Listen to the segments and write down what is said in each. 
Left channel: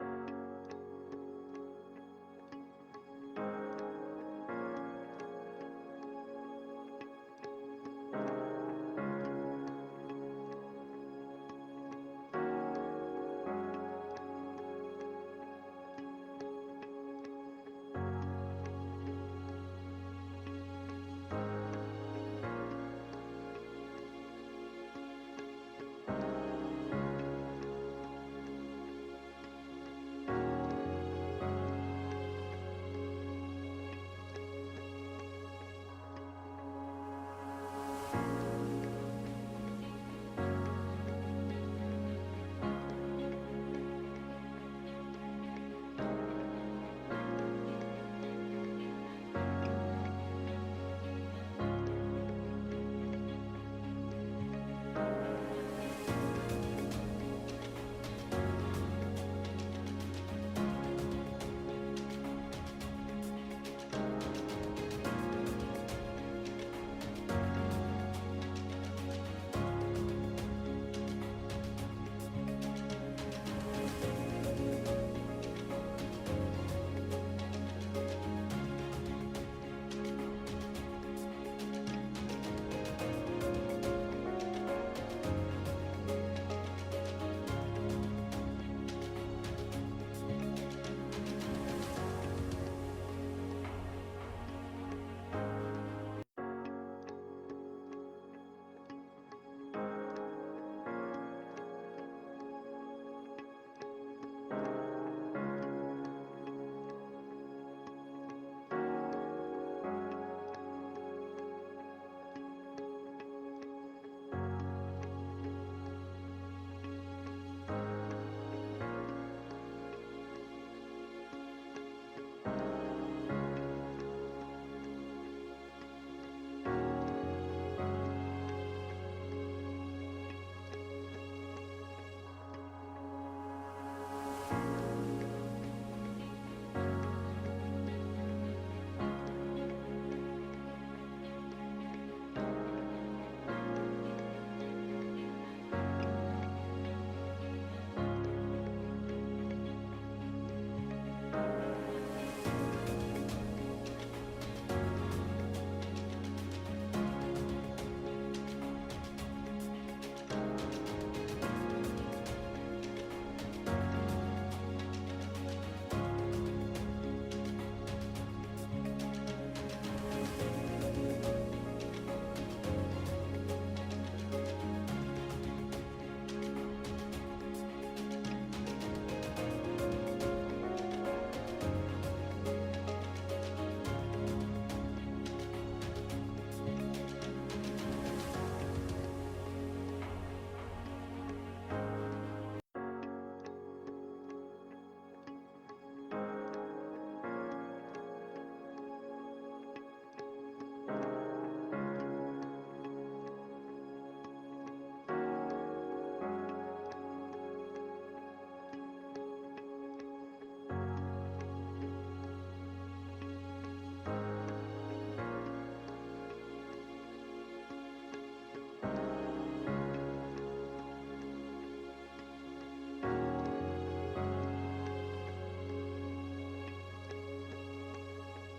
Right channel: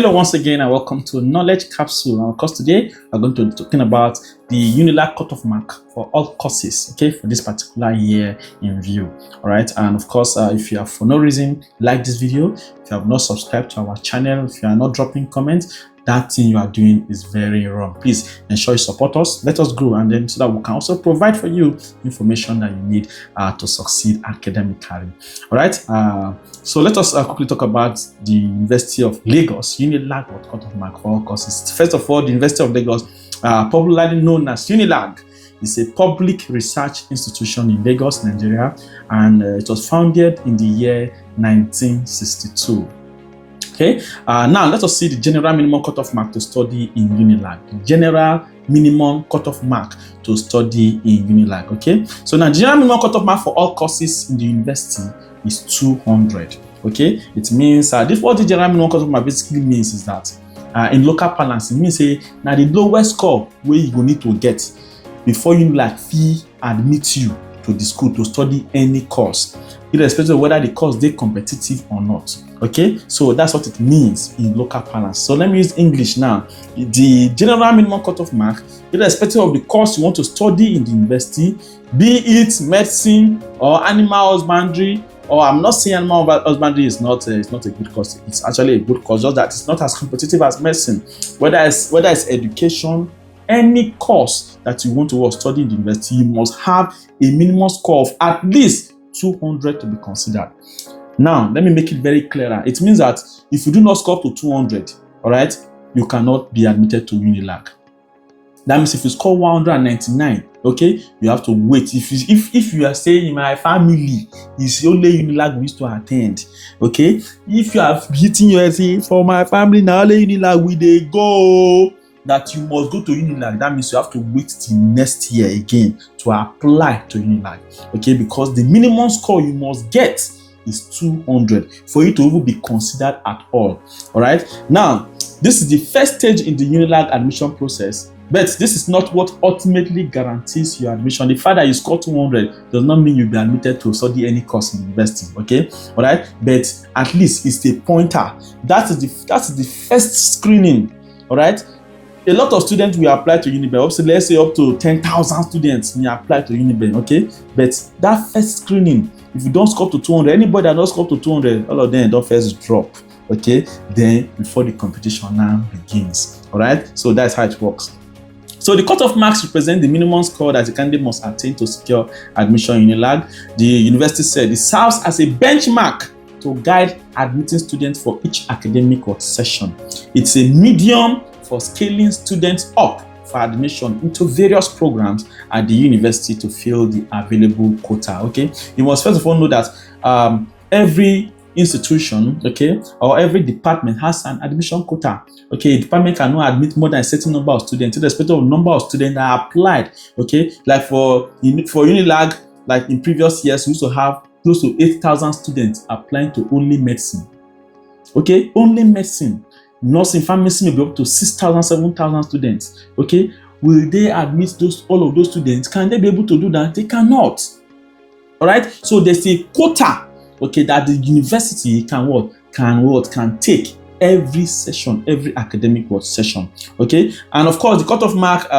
Hello once again and welcome to Knowledge Capsule. And of course today we're going to be talking about the UNILAG cutoff mark for all courses, okay, for this particular year in view. All right, and of course if you have for no reason like this video, if you have not subscribed to our channel, if you are not dropping comments, that thing you are doing is very wrong. Please ensure you support us, let us grow, and then so that we can also provide for you information that you need to succeed academically. All right, so let us quickly talk about the University of Lagos UNILAG cutoff mark for all courses. First of all, the University of Lagos, popularly known as UNILAG, is a public research institution in Lagos, Nigeria, and it was founded in the year 1962. Okay, now let us see the general minimum cutoff mark to study in UNILAG. The general minimum cutoff mark to study in UNILAG. Okay, so now general minimum cutoff mark for all courses in the university is 200. Okay, it means what the general minimum cutoff mark basically means is that in local parlance, it means now the lowest score where you will need to get before UNILAG fee admit you to the school to study any course, irrespective of whether the course is competitive or not. Okay, so that's what it means in local parlance. So let me use English now. The general minimum cutoff mark, irrespective of the course you want to study in the university, be it medicine or animal husbandry, or I'm not saying animal husbandry is not a good course. It's actually a good course, just that it's not as competitive as medicine. Whether it's education, any course that you want to study in the university, you must have a minimum score of at least 200 to be considered. Now, let me make it very clearer. It means that if you do not score up to 200, all right, you cannot be admitted to UNILAG. That means if you score 199, okay, you have to wait. If you are saying in my family, it's only UNILAG we used to attend, okay? If you are hitting your essay for my family, now only UNILAG we they go, that you must go to UNILAG. That means you have to wait till next year again to apply to UNILAG, okay? Because the minimum score you must get is 200 for you to even be considered at all. All right. Now, this is the first stage in the UNILAG admission process, but this is not what ultimately guarantees your admission. The fact that you score 200 does not mean you'll be admitted to study any course in university. Okay, all right. But at least it's a pointer. That is the first screening. All right. A lot of students will apply to UNIBEN. Let's say up to 10,000 students will apply to UNIBEN, okay? But that first screening, if you don't score to 200, anybody that does score to 200, all of them don't first drop, okay? Then before the competition now begins, all right? So that's how it works. So the cutoff marks represent the minimum score that the candidate must attain to secure admission in UNILAG. The university said it serves as a benchmark to guide admitting students for each academic session. It's a medium for scaling students up for admission into various programs at the university to fill the available quota. Okay, you must first of all know that every institution, okay, or every department has an admission quota. Okay, a department cannot admit more than a certain number of students, irrespective of the number of students that applied. Okay, like for UNILAG, like in previous years, we used to have close to 8,000 students applying to only medicine. Okay, only medicine. Nursing, pharmacy may be up to 6,000, 7,000 students. Okay, will they admit all of those students? Can they be able to do that? They cannot. All right. So there's a quota, okay, that the university can take every session, every academic session. Okay, and of course the cutoff mark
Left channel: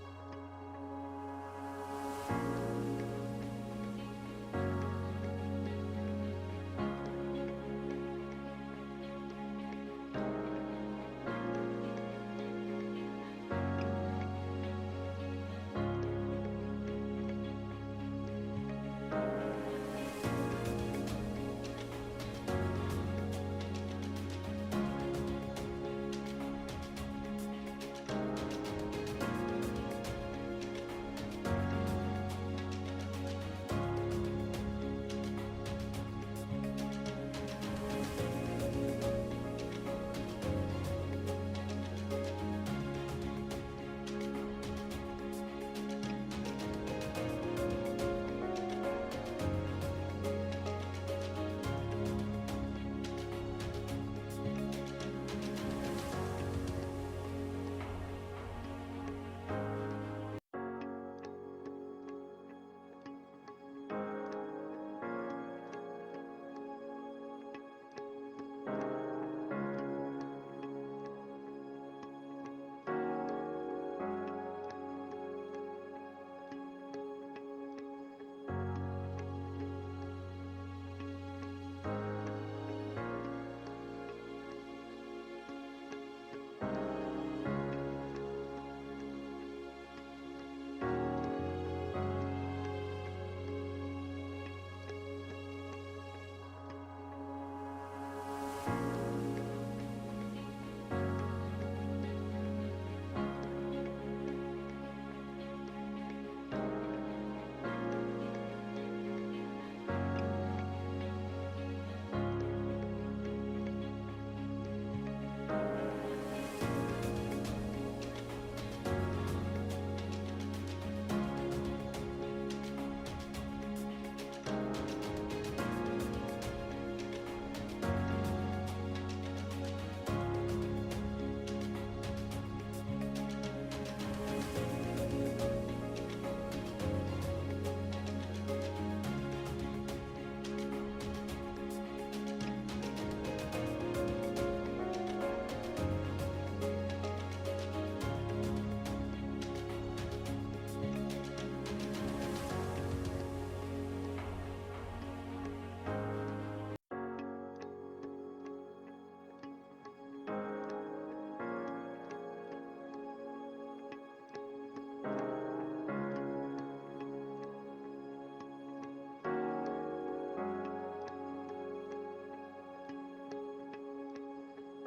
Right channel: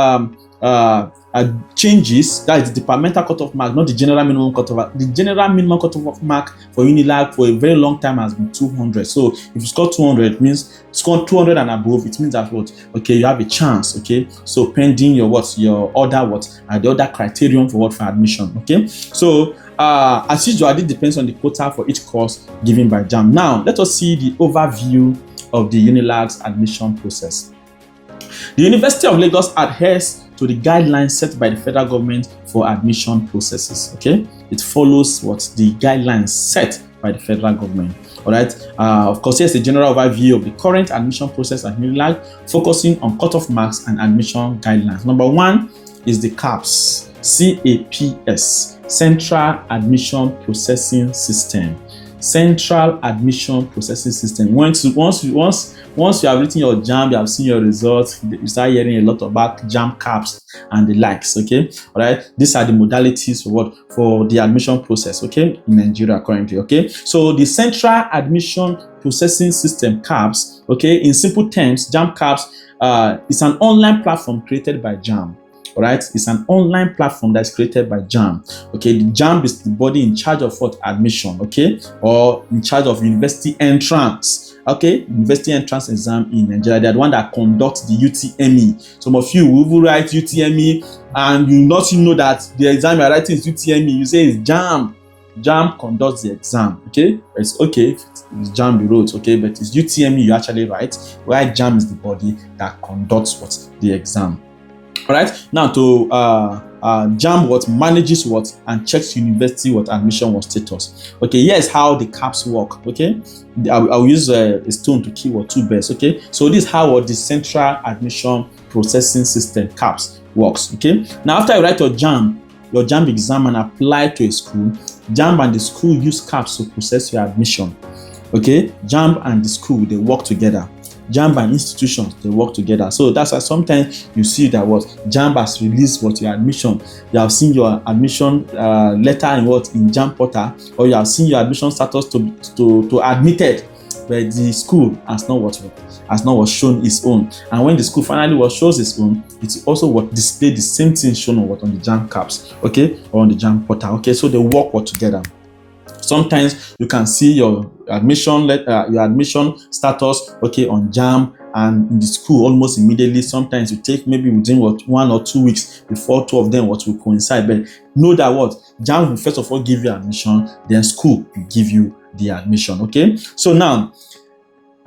changes. That is the departmental cutoff mark, not the general minimum cutoff mark. The general minimum cutoff mark for UNILAG for a very long time has been 200. So if you score 200, it means score 200 and above. It means that what? Okay, you have a chance. Okay, so pending your the other criterion for admission. Okay, so as usual, it depends on the quota for each course given by JAMB. Now let us see the overview of the UNILAG's admission process. The University of Lagos adheres to the guidelines set by the federal government for admission processes. Okay, it follows the guidelines set by the federal government. All right. Of course, here's a general overview of the current admission process at UNILAG, focusing on cutoff marks and admission guidelines. Number one is the CAPS, Central Admission Processing System. central admission processing system. Once you have written your JAMB, you have seen your results, you start hearing a lot about JAMB caps and the likes. Okay, all right. These are the modalities for the admission process. Okay, in Nigeria currently. Okay, so the central admission processing system caps. Okay, in simple terms, JAMB caps is an online platform created by JAMB. All right, it's an online platform that's created by JAMB. Okay, the JAMB is the body in charge of what? Admission. Okay, or in charge of university entrance. Okay, university entrance exam in Nigeria. They're the one that conducts the UTME. Some of you will write UTME and you not even know that the exam you're writing is UTME. You say it's JAMB. JAMB conducts the exam. Okay, it's okay. It's JAMB the roads. Okay, but it's UTME you actually write. While JAMB is the body that conducts what? The exam. All right, now to JAMB what manages what and checks university what admission what status. Okay, here's how the caps work. Okay, I'll use a stone to kill two birds. Okay, so this is how the central admission processing system caps works. Okay, now after you write your JAMB exam and apply to a school, JAMB and the school use caps to process your admission. Okay, JAMB and the school, they work together. JAMB and institutions, they work together. So that's why sometimes you see that what JAMB has released what your admission. You have seen your admission letter in JAMB portal, or you have seen your admission status to admitted, but the school has not shown its own. And when the school finally shows its own, it's also display the same thing shown on the JAMB caps, okay, or on the JAMB portal. Okay, so they work together. Sometimes you can see your admission status, okay, on JAMB and in the school almost immediately. Sometimes you take maybe within 1 or 2 weeks before two of them will coincide. But know that JAMB will first of all give you admission, then school will give you the admission. Okay, so now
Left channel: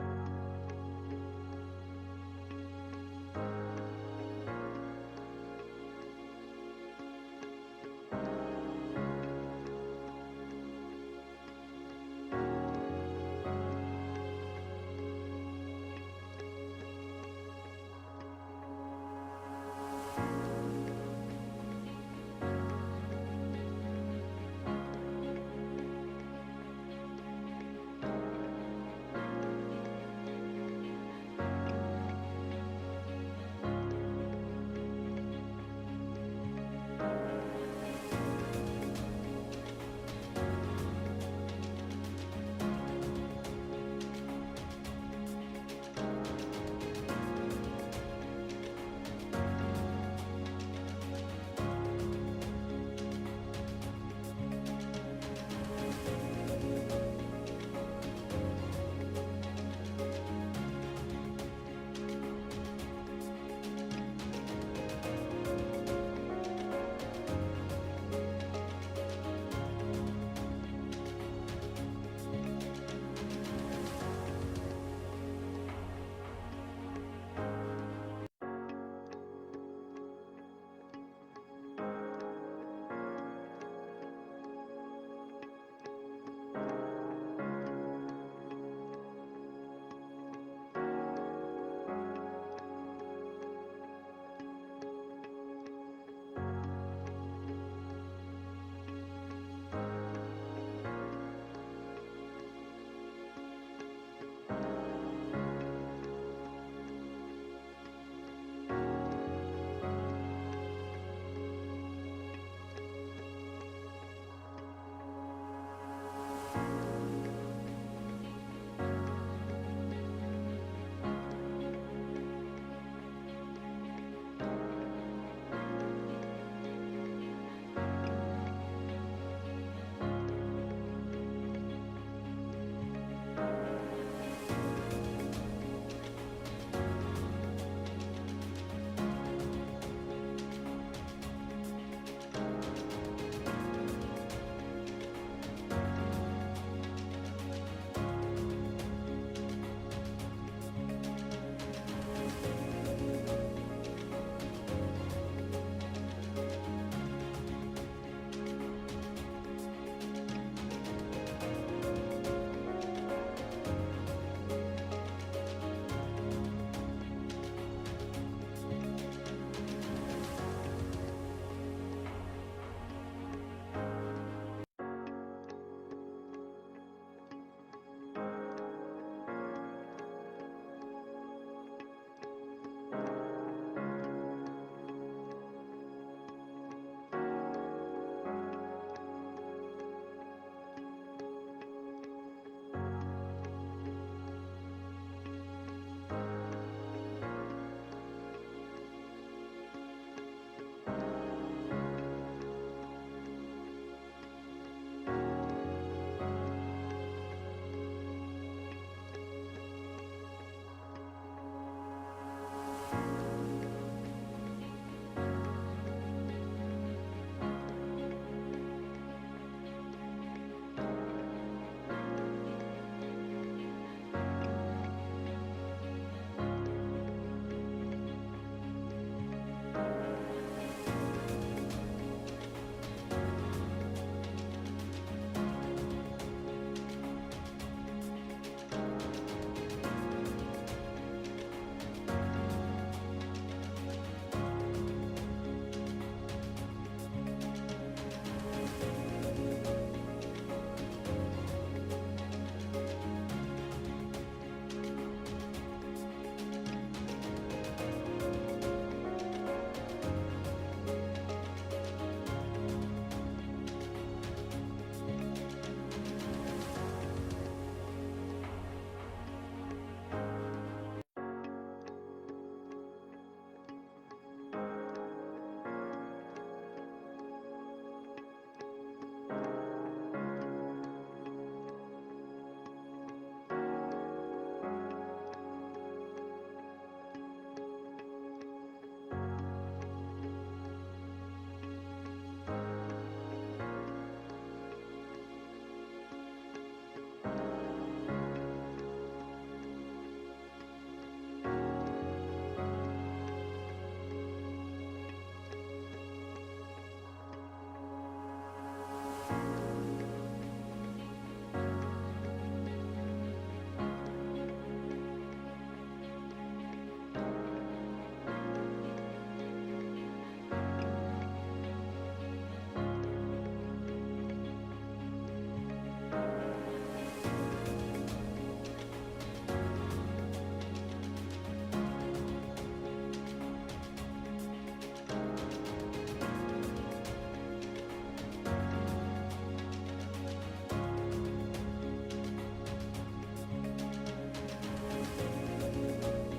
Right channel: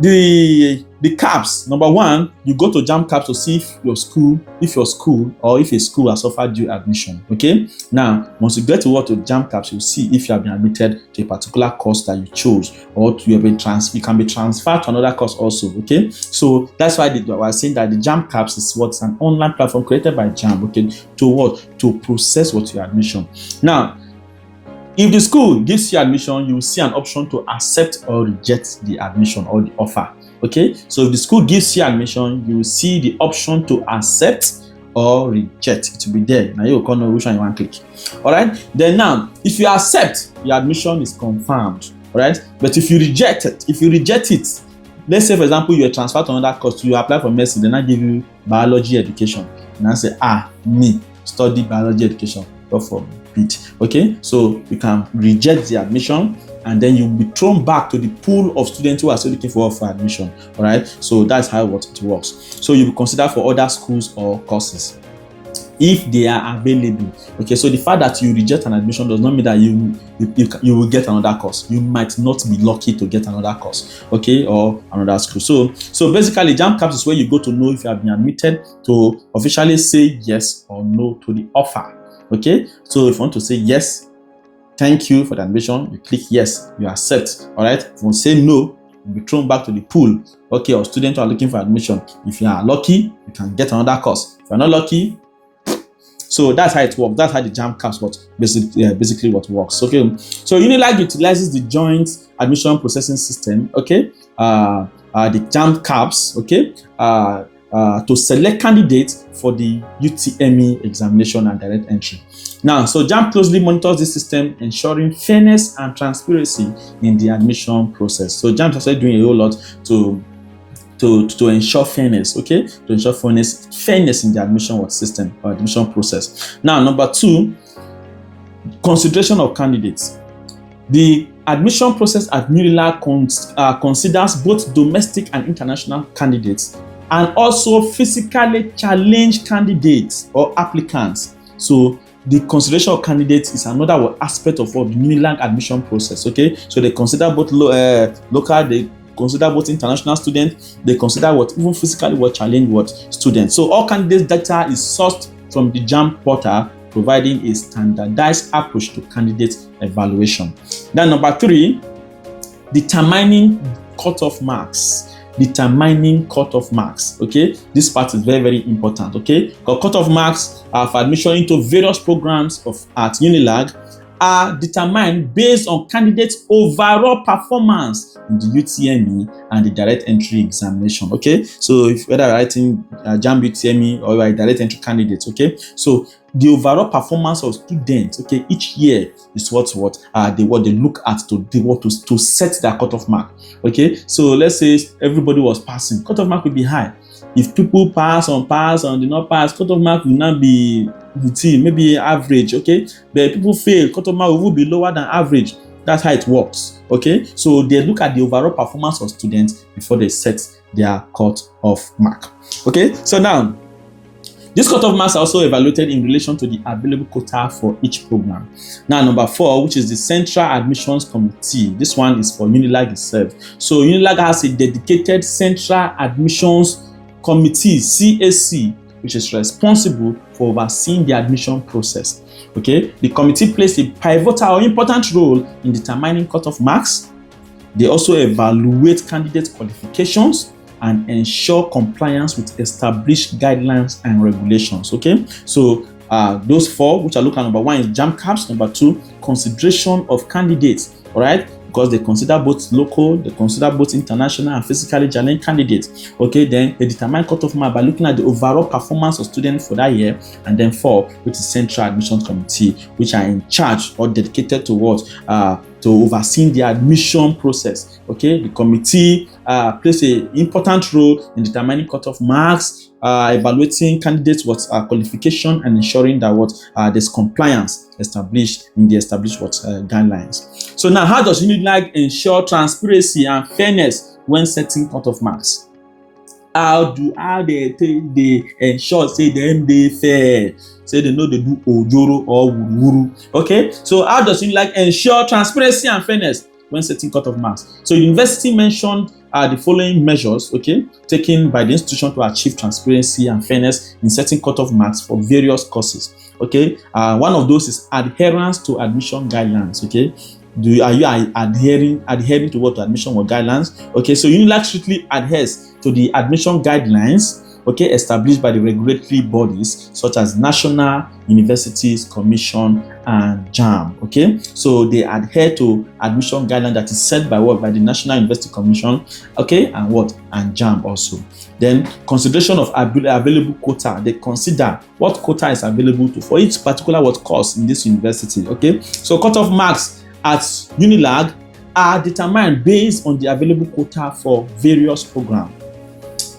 the caps. Number one, you go to JAMB caps to see if a school has offered you admission. Okay, now once you get to JAMB caps, you'll see if you have been admitted to a particular course that you chose, or you can be transferred to another course also. Okay, so that's why I was saying that the JAMB caps is an online platform created by JAMB. Okay, to process your admission. Now, if the school gives you admission, you will see an option to accept or reject the admission or the offer. Okay, so if the school gives you admission, you will see the option to accept or reject. It will be there. Now you will know which one you want to click. All right. Then now, if you accept, your admission is confirmed. All right. But if you reject it, let's say for example you are transferred to another course, you apply for medicine, then I give you biology education, and I say me study biology education. Go for it. Okay, so you can reject the admission and then you'll be thrown back to the pool of students who are still looking for admission. All right, so that's how it works. So you'll be considered for other schools or courses if they are available. Okay, so the fact that you reject an admission does not mean that you will get another course. You might not be lucky to get another course, okay, or another school. So basically, JAMB caps is where you go to know if you have been admitted, to officially say yes or no to the offer. Okay, so if you want to say yes, thank you for the admission, you click yes, you accept. All right, if you say no, you'll be thrown back to the pool, okay, of students who are looking for admission. If you are lucky, you can get another course. If you're not lucky, so that's how it works. That's how the JAMB caps basically what works. Okay, so UNILAG utilizes the joint admission processing system, okay, the JAMB caps, okay, to select candidates for the UTME examination and direct entry. Now, so JAMB closely monitors this system, ensuring fairness and transparency in the admission process. So JAMB is actually doing a whole lot to ensure fairness, okay, to ensure fairness in the admission system or admission process. Now, number two, consideration of candidates. The admission process at UNILAG considers both domestic and international candidates, and also physically challenged candidates or applicants. So the consideration of candidates is another aspect of the UNILAG admission process. Okay, so they consider both local, they consider both international students, they consider even physically challenged students. So all candidates data is sourced from the JAMB portal, providing a standardized approach to candidate evaluation. Then number three, determining cutoff marks. Okay, this part is very, very important. Okay, because cutoff marks are for admission into various programs at UNILAG are determined based on candidates' overall performance in the UTME and the direct entry examination. Okay, so if whether you're writing JAMB UTME or you're a direct entry candidate, okay, so the overall performance of students, okay, each year is what they look at to set their cutoff mark. Okay, so let's say everybody was passing, cutoff mark will be high. If people pass and did not pass, cutoff mark will not be routine, maybe average, okay? But if people fail, cutoff mark will be lower than average. That's how it works, okay? So they look at the overall performance of students before they set their cutoff mark, okay? So now, these cutoff marks are also evaluated in relation to the available quota for each program. Now, number 4, which is the Central Admissions Committee. This one is for UNILAG itself. So UNILAG has a dedicated Central Admissions Committee, CAC, which is responsible for overseeing the admission process. Okay, the committee plays a pivotal or important role in determining cutoff marks. They also evaluate candidate qualifications and ensure compliance with established guidelines and regulations. Okay, so those 4, which are looking at, number 1 is JAMB caps, number 2, consideration of candidates. All right, because they consider both local, they consider both international and physically challenged candidates. Okay, then they determine cutoff mark by looking at the overall performance of students for that year. And then 4, which is Central Admissions Committee, which are in charge or dedicated to what? To overseeing the admission process. Okay, the committee plays an important role in determining cutoff marks, evaluating candidates' qualification, and ensuring that there's compliance established in the established guidelines. So now, how does UNILAG ensure transparency and fairness when setting cutoff marks? How they ensure say them they fair, say they know they do ojoro or wuru. Okay, so how does UNILAG ensure transparency and fairness when setting cutoff marks? So the university mentioned the following measures, okay, taken by the institution to achieve transparency and fairness in setting cutoff marks for various courses. Okay, one of those is adherence to admission guidelines. Okay, are you adhering to what admission guidelines? Okay, so UNILAG strictly adheres to the admission guidelines, okay, established by the regulatory bodies such as National Universities Commission and JAMB. Okay, so they adhere to admission guideline that is set by the National University Commission, okay, and JAMB also. Then consideration of available quota. They consider what quota is available for each particular course in this university. Okay, so cutoff marks at UNILAG are determined based on the available quota for various programs.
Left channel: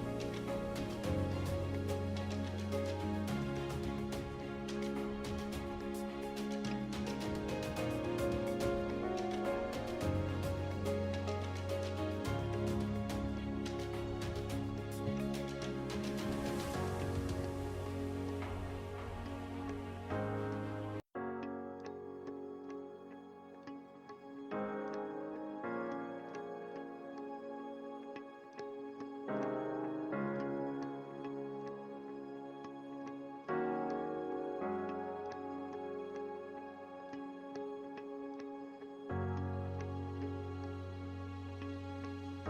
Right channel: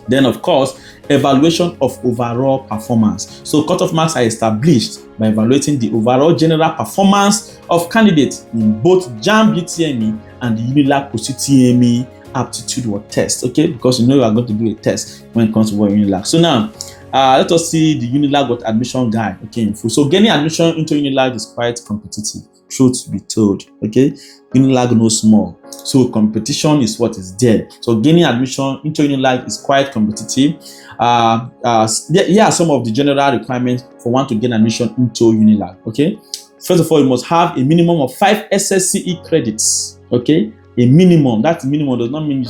Then, of course, evaluation of overall performance. So cutoff marks are established by evaluating the overall general performance of candidates in both JAMB UTME and the UNILAG Post-UTME aptitude test. Okay, because you are going to do a test when it comes to UNILAG. So now, let us see the UNILAG admission guide. Okay, so getting admission into UNILAG is quite competitive. Truth be told, okay, UNILAG no small, so competition is what is there. So gaining admission into UNILAG is quite competitive. Here are some of the general requirements for one to gain admission into UNILAG. Okay, first of all, you must have a minimum of 5 SSCE credits. Okay, a minimum. That minimum does not mean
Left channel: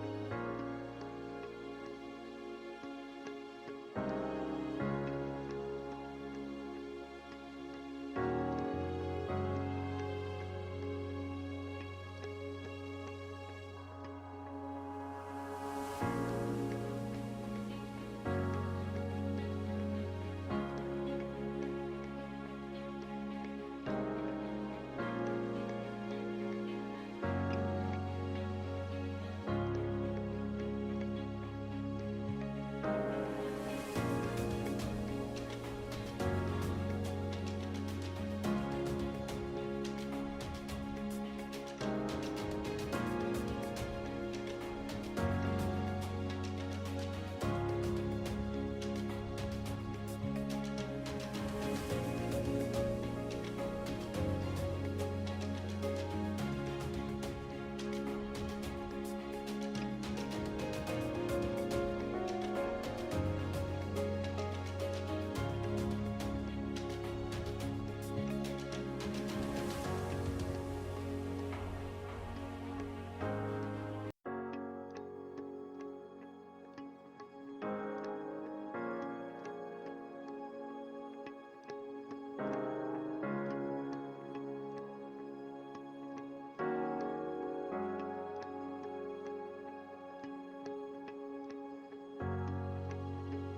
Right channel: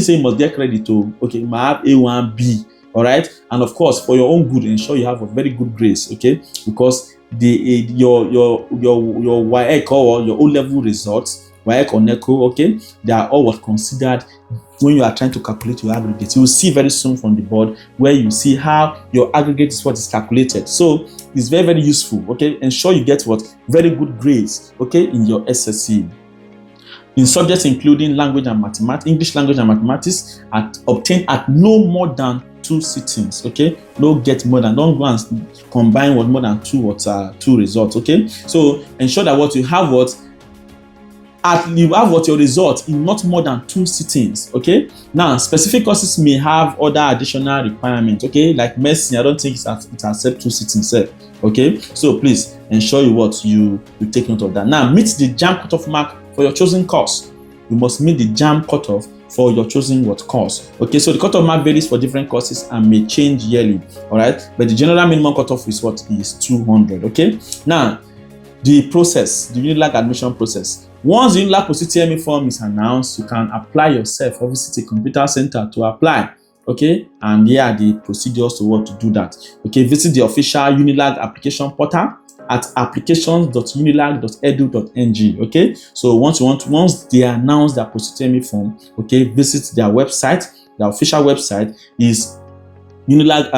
say you must get credit to. Okay, you might have A1, B. All right, and of course, for your own good, ensure you have a very good grades. Okay, because your WAEC or your O-level results, WAEC or NECO, okay, they are all considered when you are trying to calculate your aggregate. You will see very soon from the board where you see how your aggregate is calculated. So it's very, very useful. Okay, ensure you get very good grades. Okay, in your SSC. In subjects including language and mathematics, English language and mathematics, obtained at no more than 2 sittings. Okay, don't go and combine more than 2 results. Okay, so ensure that you have your result in not more than 2 sittings. Okay, now specific courses may have other additional requirements. Okay, like medicine, I don't think it accepts 2 sittings. Okay, so please ensure you take note of that. Now meet the JAMB cutoff mark for your chosen course. You must meet the JAMB cutoff for your chosen course. Okay, so the cutoff mark varies for different courses and may change yearly. All right, but the general minimum cutoff is 200. Okay, now the UNILAG admission process. Once the UNILAG Post-UTME form is announced, you can apply yourself or visit a computer center to apply. Okay, and here are the procedures to do that. Okay, visit the official UNILAG application portal at applications.unilag.edu.ng. Okay, so once they announce their post-UTME form, okay, visit their website. Their official website is UNILAG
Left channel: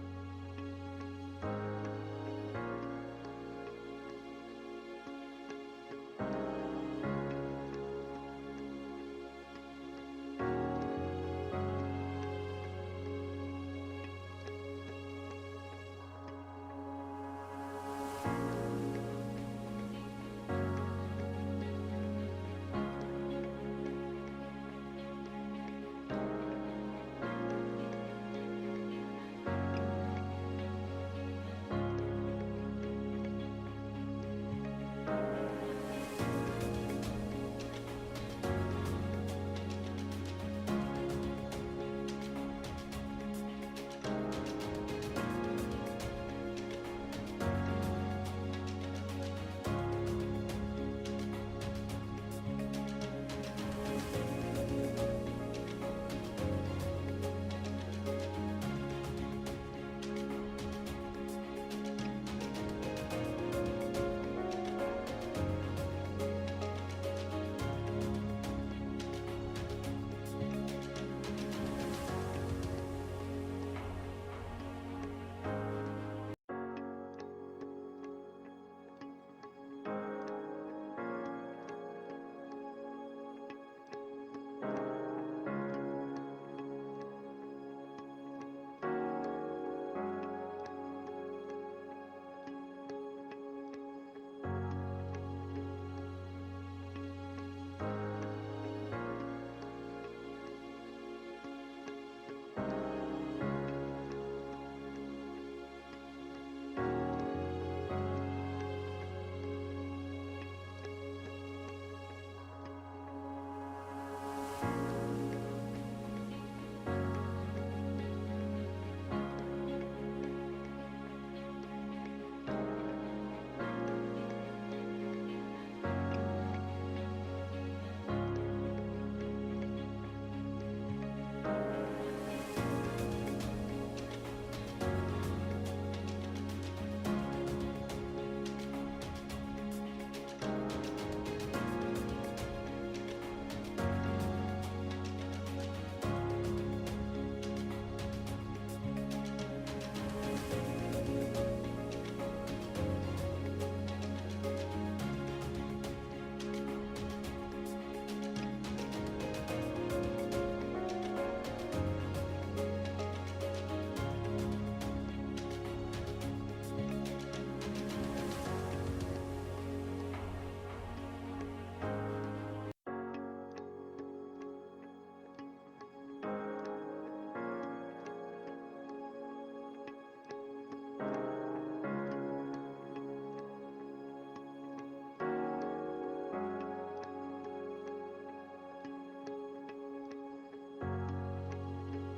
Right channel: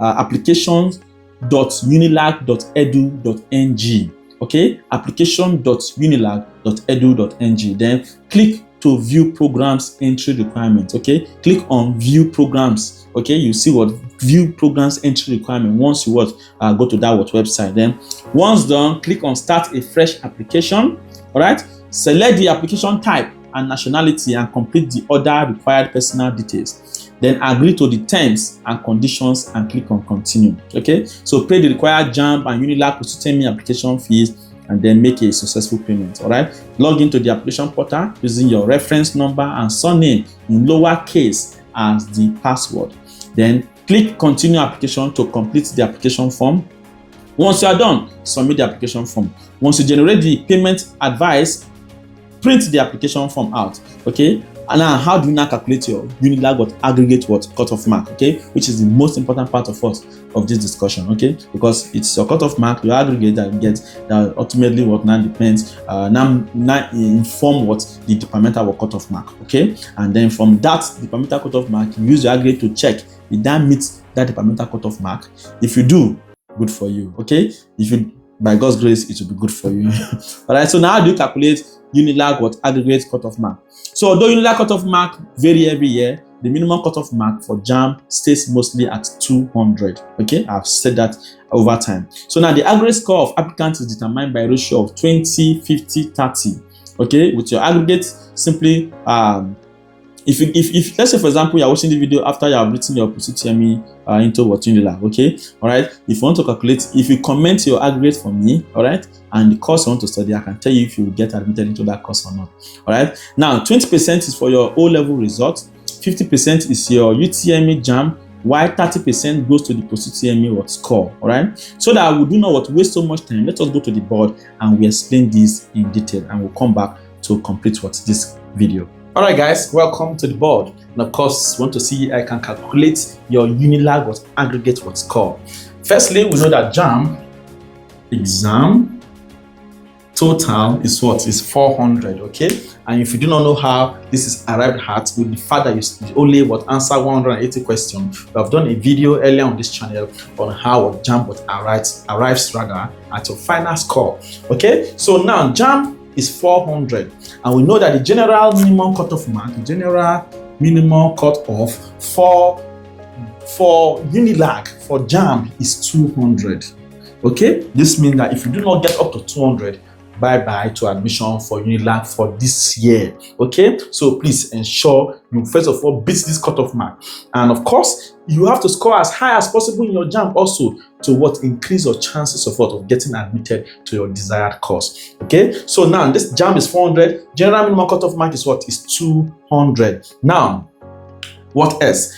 applications.unilag.edu.ng. Okay, application.unilag.edu.ng. Then click to view programs entry requirements. Okay, click on view programs. Okay, you see what view programs entry requirement once you go to that website. Then once done, click on start a fresh application. All right, select the application type and nationality and complete the other required personal details. Then agree to the terms and conditions and click on continue. Okay, so pay the required JAMB and UNILAG Post-UTME application fees and then make a successful payment. All right, log into the application portal using your reference number and surname in lowercase as the password. Then click continue application to complete the application form. Once you are done, submit the application form. Once you generate the payment advice, print the application form out. Okay, and now how do you now calculate your UNILAG aggregate cutoff mark? Okay, which is the most important part of this discussion. Okay, because it's your cutoff mark, your aggregate that you get, that ultimately what now depends now inform what the departmental cutoff mark. Okay, and then from that departmental cutoff mark, you use your aggregate to check if that meets that departmental cutoff mark. If you do, good for you. Okay, if you, by God's grace, it will be good for you. All right, so now how do you calculate UNILAG aggregate cutoff mark? So although UNILAG cutoff mark vary every year, the minimum cutoff mark for JAMB stays mostly at 200. Okay, I've said that over time. So now the aggregate score of applicants is determined by a ratio of 20, 50, 30. Okay, with your aggregate simply if let's say for example you are watching the video after you have written your post-UTME into UNILAG. Okay, all right, if you want to calculate, if you comment your aggregate for me, all right, and the course you want to study, I can tell you if you will get admitted into that course or not. All right, now 20% is for your O-level result, 50% is your UTME JAMB, while 30% goes to the post-UTME score. All right, so that we do not waste so much time, let us go to the board and we explain this in detail, and we'll come back to complete this video. All right, guys, welcome to the board. And of course, want to see I can calculate your UNILAG aggregate score. Firstly, we know that JAMB exam total is what? Is 400, okay? And if you do not know how this is arrived at, with the fact that you only answer 180 questions, we have done a video earlier on this channel on how JAMB arrives rather at your final score. Okay, so now JAMB is 400, and we know that the general minimum cutoff mark, the general minimum cutoff for UNILAG for JAMB is 200. Okay, this means that if you do not get up to 200, bye-bye to admission for UNILAG for this year. Okay, so please ensure you first of all beat this cutoff mark, and of course you have to score as high as possible in your JAMB also to increase your chances of getting admitted to your desired course. Okay, so now this JAMB is 400, general minimum cutoff mark is 200. Now what else?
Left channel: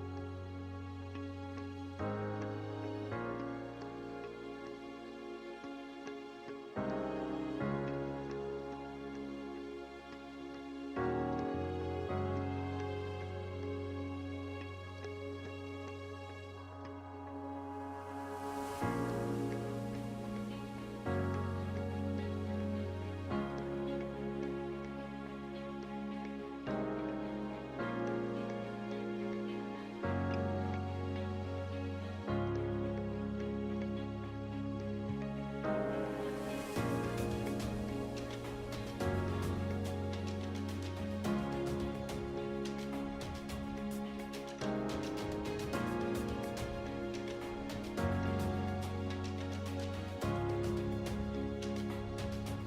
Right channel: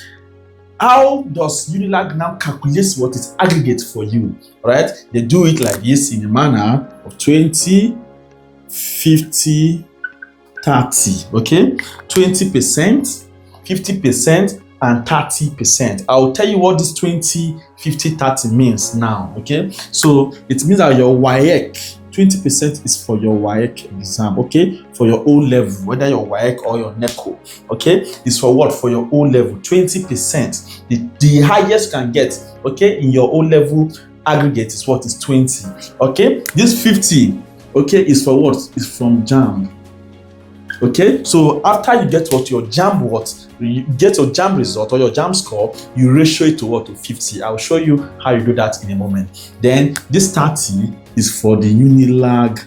How does UNILAG now calculate what is aggregate for you? All right, they do it like this in a manner of 20, 50, 30. Okay, 20%, 50%, and 30%. I'll tell you what this 20, 50, 30 means now. Okay, so it means that your WAEC, 20% is for your WAEC exam, okay? For your O-level, whether your WAEC or your NECO, okay? It's for what? For your O-level, 20%. The highest you can get, okay, in your O-level aggregate is what? Is 20, okay? This 50, okay, is for what? Is from JAMB, okay? So after you get your JAMB you get your JAMB result or your JAMB score, you ratio it to 50. I'll show you how you do that in a moment. Then this 30 is for the UNILAG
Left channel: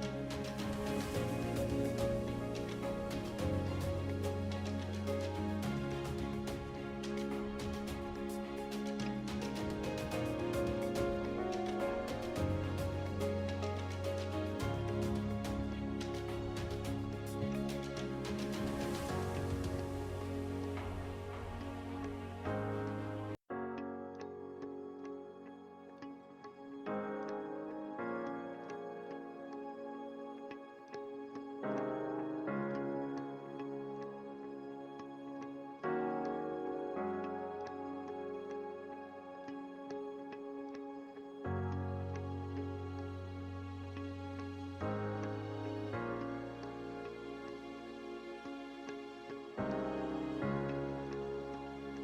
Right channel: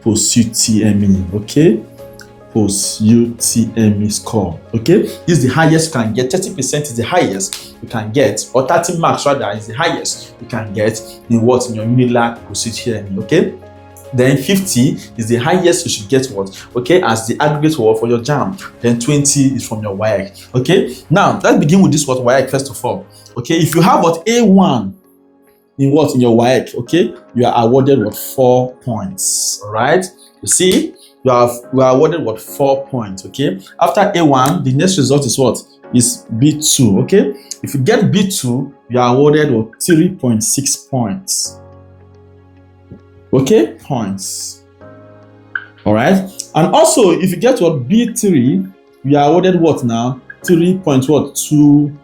Post-UTME, okay? Post-UTME score, okay? This is the highest you can get. 30% is the highest you can get, or 30 marks rather is the highest you can get in in your UNILAG Post-UTME, okay? Then 50 is the highest you should get okay, as the aggregate for your JAMB. Then 20 is from your WAEC. Okay, now let's begin with this WAEC first of all. Okay, if you have A1 in your WAEC, okay, you are awarded 4 points. All right, you see, you are awarded 4 points. Okay, after A1, the next result is is B2. Okay, if you get B2, you are awarded 3.6 points. Okay, points. All right. And also, if you get what B3, you are awarded what now? 3.2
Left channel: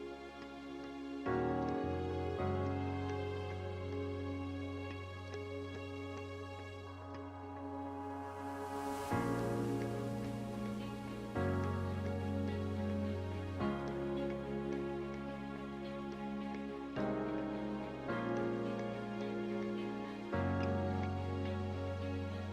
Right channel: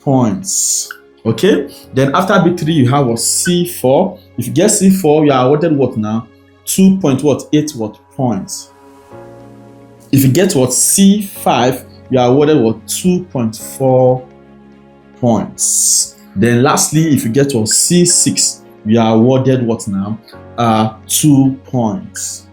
points. Okay. Then after B3, you have what? C4. If you get C4, you are awarded what now? 2.8 points. If you get what? C5, you are awarded what? 2.4 points. Then lastly, if you get what? C6, you are awarded what now? 2 points.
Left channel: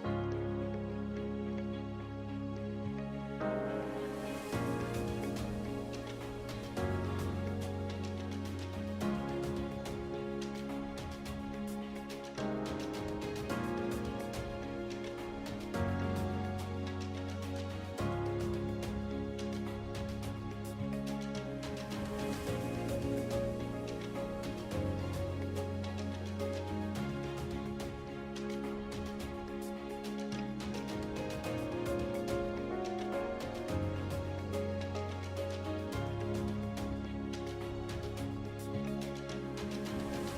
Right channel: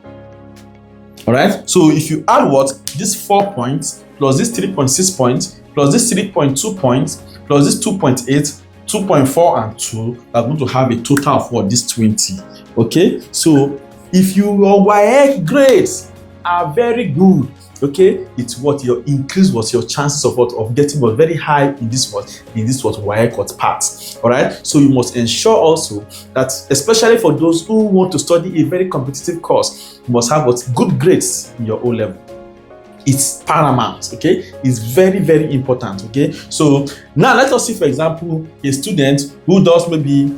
All right. So if you add what? This 4 points plus this 3.6 points plus this 3.2 points plus this 2.8, 2.4 and 2, are going to have a total of what? This 20. Okay. So if your WAEC grades are very good, okay, it's what your increase was your chances of what? Of getting what? Very high in this what WAEC what part. All right. So you must ensure also that, especially for those who want to study a very competitive course, you must have what? Good grades in your O level. It's paramount, okay? It's very, very important, okay? So now let us see, for example, a student who does maybe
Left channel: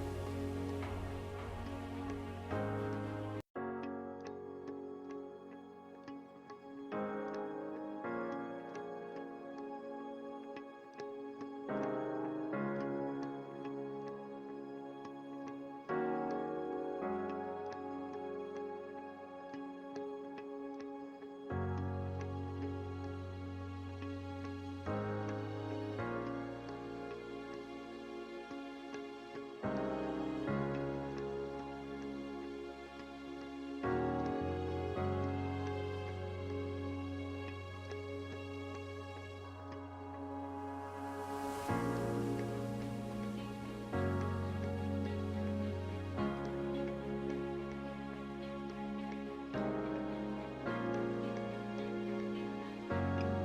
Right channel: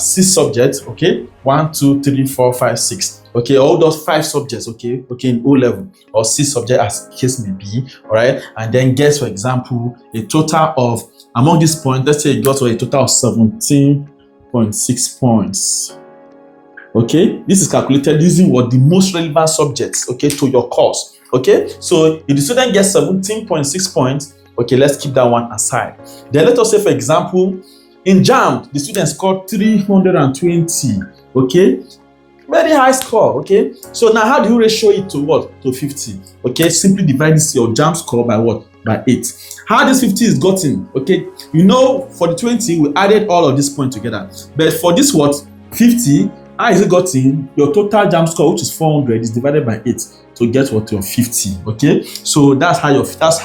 6 subjects, okay? 1, 2, 3, 4, 5, 6, okay? Or who does 5 subjects, okay? Okay, in O level, or 6 subjects as the case may be, all right? And then gets, for example, a total of, among these points, let's say he got a total of 17.6 points. Okay, this is calculated using what? The most relevant subjects, okay, to your course. Okay, so if the student gets 17.6 points, okay, let's keep that one aside. Then let us say, for example, in JAMB, the student scored 320. Okay, very high score. Okay, so now how do you ratio it to what? To 50. Okay, simply divide this your JAMB score by what? By 8. How this 50 is gotten? Okay, you know, for the 20, we added all of these points together. But for this what? 50, how is it gotten? Your total JAMB score, which is 400, is divided by 8 to get what? Your 50. Okay, so that's how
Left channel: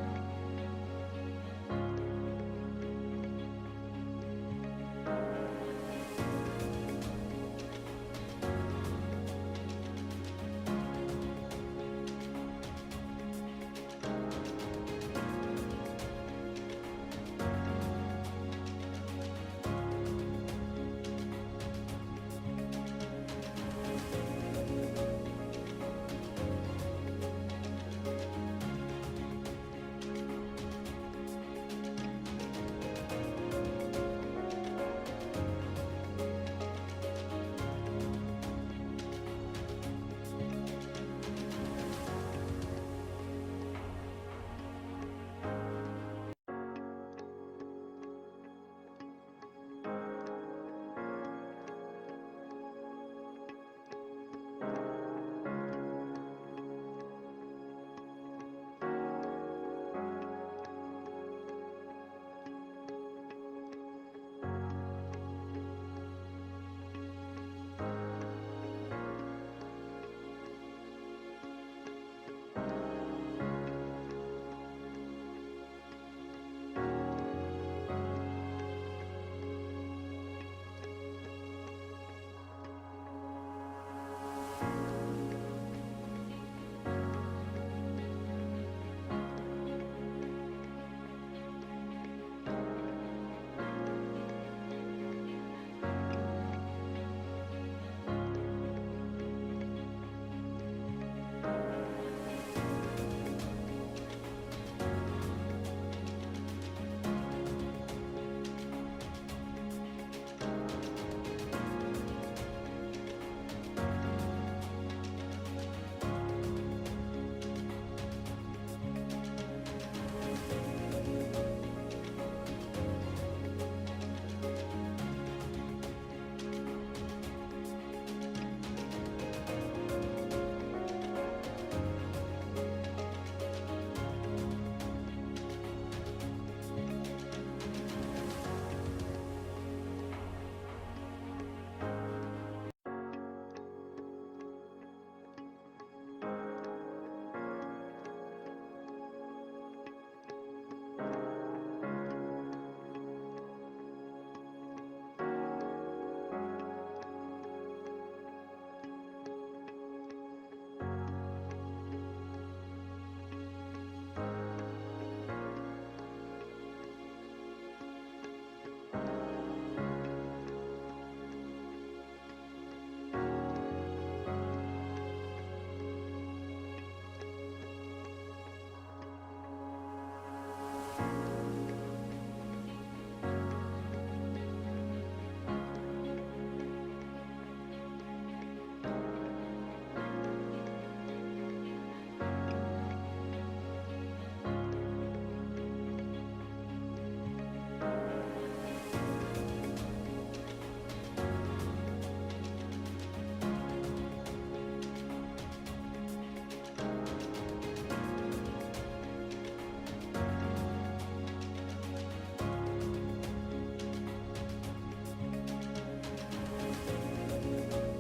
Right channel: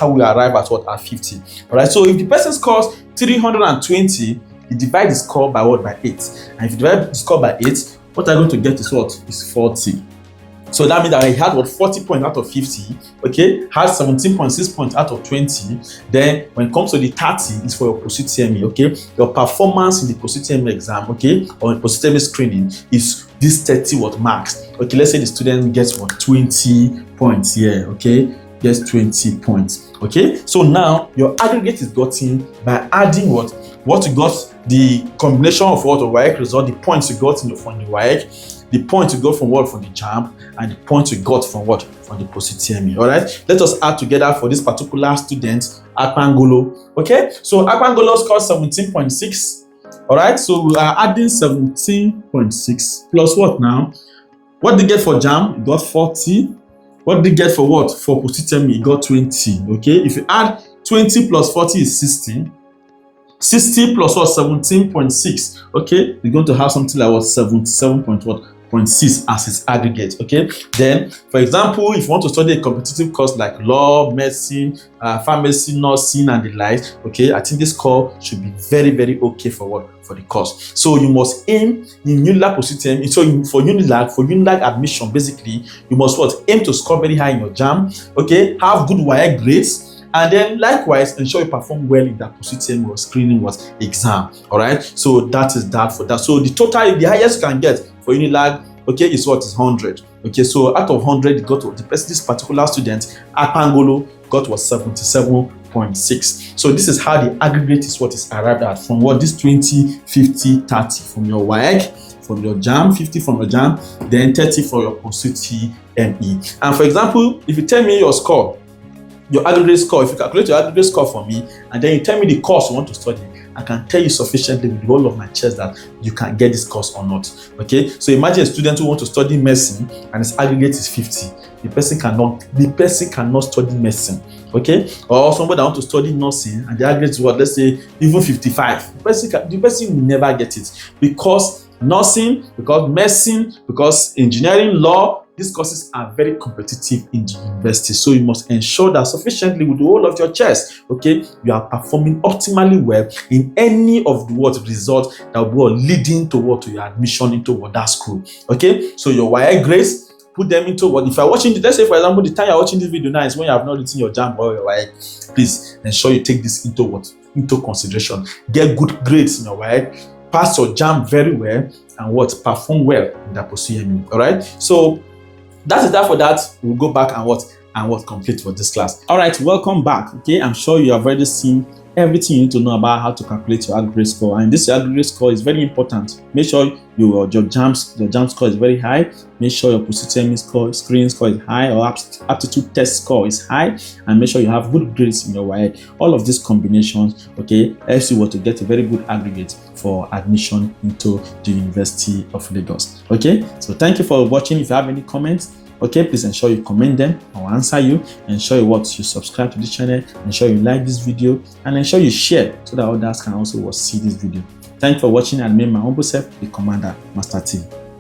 we arrive at what? At 50. All right. So if the person scores 320, you divide the score by what? By 8. And if you divide the score by 8, what I'm going to get is what? Is 40. So that means that he had what? 40 points out of 50. Okay, had 17.6 points out of 20. Then when it comes to the 30, it's for your post-UTME. Okay, your performance in the post-UTME exam, okay, or post-UTME screening is this 30 what marks. Okay, let's say the student gets what? 20 points here. Okay, gets 20 points. Okay, so now your aggregate is gotten by adding what you got, the combination of what? The WAEC result, the points you got from the WAEC, the points you got from what? From the JAMB, and the points you got from what? From the post-UTME. All right, let us add together for this particular student, Akpangolo. Okay, so Akpangolo scored 17.6. All right, so we are adding 17.6 plus what now? What did he get for JAMB? He got 40. What did he get for what? For post-UTME, he got 20. Okay, if you add 20 plus 40 is 60. 60 plus what? 17.6. Okay, we're going to have something like what? 77.6 as its aggregate. Okay, then for example, if you want to study a competitive course like law, medicine, pharmacy, nursing, and the like, okay, I think this score should be very, very okay for what? For the course. So you must aim in UNILAG Post-UTME. So for UNILAG admission, basically, you must what? Aim to score very high in your JAMB. Okay, have good WAEC grades. And then likewise, ensure you perform well in that post-UTME or screening exam. All right. So that is that for that. So the total, the highest you can get for UNILAG, okay, is what? Is 100. Okay. So out of 100, you got this particular student, Akpangolo, got what? 77.6. So this is how the aggregate is what is arrived at from what? This 20, 50, 30 from your WAEC, from your JAMB, 50 from your JAMB, then 30 for your post-UTME. And for example, if you tell me your score, your aggregate score, if you calculate your aggregate score for me, and then you tell me the course you want to study, I can tell you sufficiently with the whole of my chest that you can get this course or not. Okay, so imagine a student who wants to study medicine and his aggregate is 50. The person cannot study medicine. Okay, or somebody that wants to study nursing and the aggregate is what? Let's say even 55. The person will never get it, because nursing, because medicine, because engineering, law, these courses are very competitive in the university. So you must ensure that sufficiently with the whole of your chest, okay, you are performing optimally well in any of the results that will leading to your admission into that school. Okay, so your WAEC grades, put them into what? If you're watching, let's say for example, the time you're watching this video now is when you have not written your JAMB or your WAEC. Please ensure you take this into consideration. Get good grades in your WAEC. pass your JAMB very well and what perform well in that post-UTME. All right, so that is that for that. We'll go back and what complete for this class. All right, welcome back. Okay, I'm sure you have already seen everything you need to know about how to calculate your aggregate score, and this aggregate score is very important. Make sure your JAMB score is very high. Make sure your post-UTME score, screening score is high, or aptitude test score is high, and make sure you have good grades in your WAEC. All of these combinations, okay, helps you to get a very good aggregate for admission into the University of Lagos. Okay, so thank you for watching. If you have any comments, okay, please ensure you comment them. I'll answer you. Ensure you subscribe to this channel. Ensure you like this video, and ensure you share so that others can also see this video. Thank you for watching, and remain my humble self, the Commander Master T.